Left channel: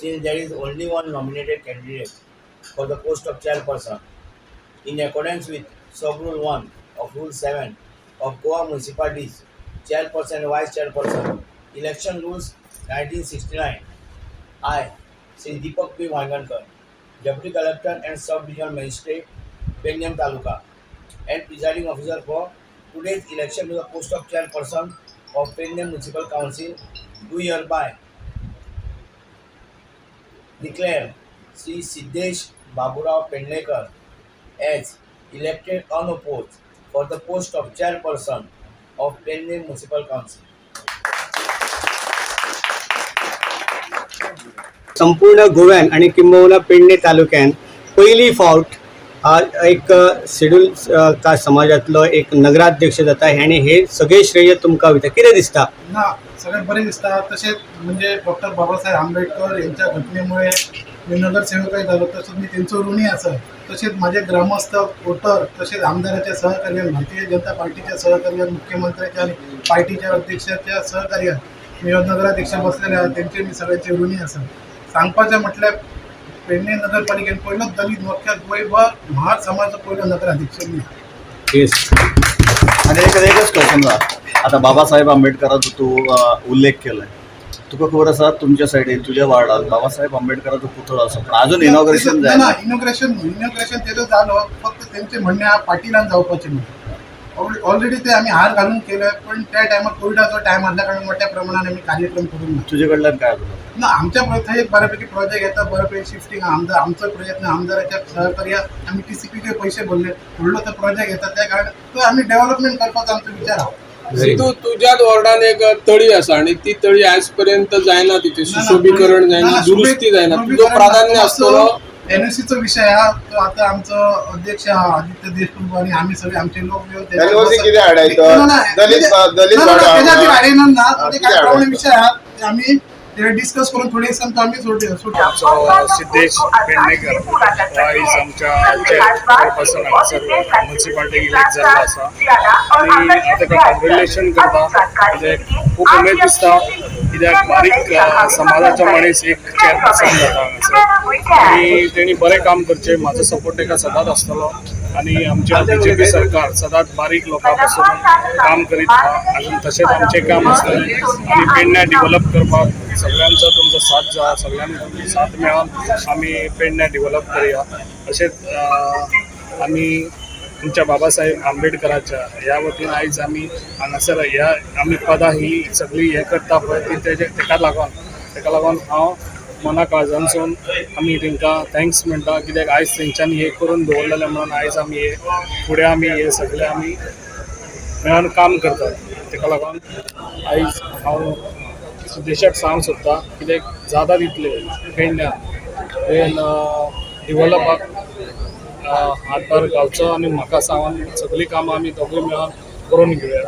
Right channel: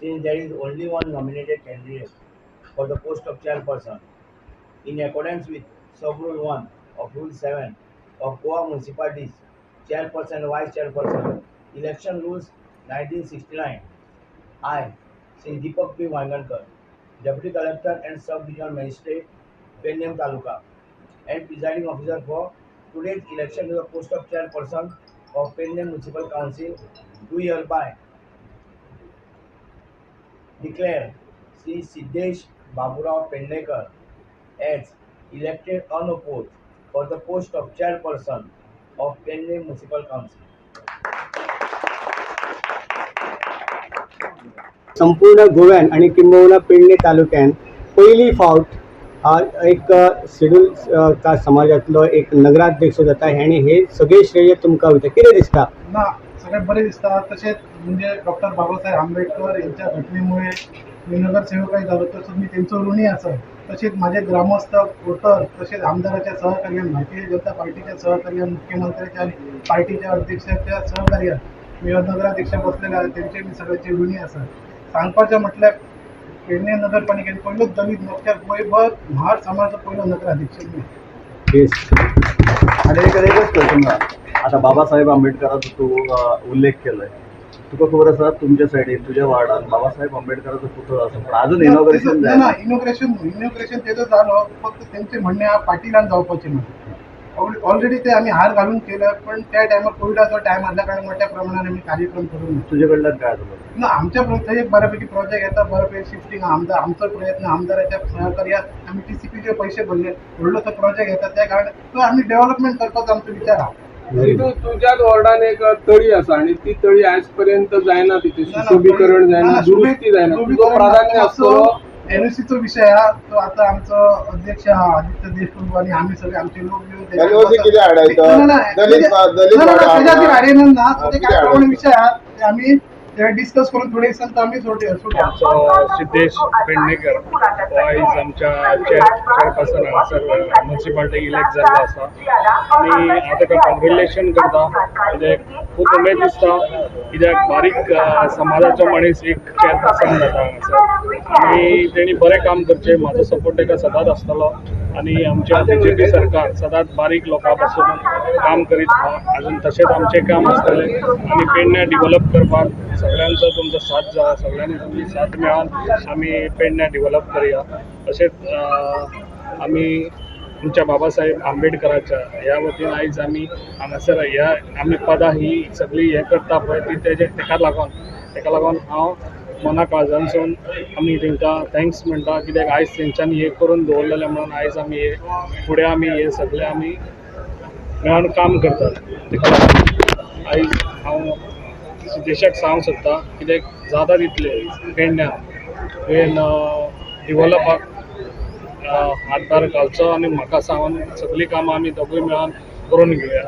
since there is only one nominated candidate for the post of chairperson. In accordance with Sub-Rule 1 of Rule 7 of Goa Municipalities, Chairperson and Vice Chairperson, Election Rules 1969, I, Sri Deepak P. Wangankar, Deputy Collector and Sub-Regional Magistrate, Pedne Taluka, and Presiding Officer for today's election to the post of Chairperson of Pedne Municipal Council, do hereby declare Sri Siddesh Baburao Pednekar as elected unopposed for the post of Chairperson of Pedne Municipal Council. संपूर्ण गोव्यान आणि किंबहुना पेडणे तालुक्यान पहिली फावट एक schedule caste समाजातलो एक नगराध्यक्ष जाता आणि हे सगळे श्रेय तुमकां वयता. कितें दिसता? ना सगळ्यात बरे दिसता. तसेच म्हणजे डॉक्टर बाबासाहेब आंबेडकर यांच्या घटनेमुळे मी नगरसेवकही झालो, तसंच मी त्यांचं ऋणी असं. तसेच माझे ग्रामस्थ वोटर तसेच आमदाराच्या सहकार्यान, भारतीय जनता पार्टीच्या सहकार्यान, मुख्यमंत्र्याच्या आणि पार्टीच्या अध्यक्षाच्या सहकार्यान मी नगराध्यक्ष बसलेले आहे. त्यांचे मी सगळ्याचे ऋणी असं. सांगपाचें म्हटल्यार पेडणे नगरपालिकेन पहिलोच दलित मोर्चा महार समाजाचो पहिलो नगराध्यक्ष मी. येस. आणि एकच क्वेश्चन आता बाबासाहेब आंबेडकरांचो तू उल्लेख केलाय. तुका खबर आसा तुमच्या सायडीन तुझ्या वार्डात बाबासाहेब आंबेडकरांचो पुतळो आसा, पण अजून इनॉग्रेशन जायना. इनॉग्रेशन तेजो जालो, फक्त त्यांचे म्हणणे हा पाटीलान जावपाचे म्हणून. ऑलरेडी ते आम्ही हार घालून केलं, पण त्या टायमार कोविडाचो टायम आसल्या कारण मोठ्या प्रमाणात आम्ही कार्यक्रम करून ना. तुझे कडल्यान काय आसलो? ना आमच्या प्रयत्न एक बऱ्यापैकी प्रोजेक्ट येतात, बऱ्यापैकी शिफ्टिंग आमचा प्रयत्न आमदाराच्या सहकार्यात आम्ही TCPचे पैसे भरले, व्हडलो तो प्रोजेक्ट येतात, त्या कारण तो आम्ही डेव्हलपमेंट करपाचो आमचो विचार आहा. सिद्धू, तुझ्याच वॉर्डान एक तळी आसा आणि ती तळी आज पर्यंत जायना, तिचे सुशोभीकरण जायना, दुरुस्ती जायना. तुझं प्राधान्य असतो NOCचो विषय हा. तो आता आमचं अध्यक्ष आदित्य देशमुख आणि आम्ही सगळे आमचे लोक मिळून त्याच्या विषय हा आम्ही डिस्कस करून थोडे दिवसांत आम्ही सिद्धेश पेडणेकर वाईज आमच्या चेअरपर्सन हांगासर म्युनिसिपालिटी इलेक्ट जाल्लो आसा आणि ताका कॉंग्रेच्युलेशन करता. खूब उमेद दिसता, कित्याक बारीक समाजाचो मनीस एक चेअरपर्सन जाता हांगासर आणि तेणी बरें काम करचें. म्हाजो सपोर्ट ताका सदांच आसतलो आणि आमच्या BJP सरकार सदांच बारीक लोकां पासून काम करीत आहा. अजून तशेंच आमचें काम आसतलें आनी पेडण्या डेव्हलप करपाक सगळ्यांचो तुमचो साथ जाय, सगळ्यांनी तुमची साथ मेळोन आमी पेडण्या डेव्हलप करया. तशेंच आमी तुमच्या बाबासाहेब आंबेडकराच्या ह्या वतीन आयज आमी हांगासर ह्या आमी पदां ही सगळी हें करता पळय ती तेका लागून हांव मना काळजानसून आमी तेंकां थँक्स म्हणटा, कित्याक आयज तेंच्यांनी हें करून दवरलेलें म्हणून आयज आमी हे फुडें आमी हे सगळें आमी मेळोन काम करतात. आयज हांव देशाक सांगूंक सोदता, कित्याक जाता तितलें पेडण्या डेव्हलपाक हातभार घालचो आणि म्हाका सांगून सगळीं कामां आमी दोगूय मेळोन करून घेवया.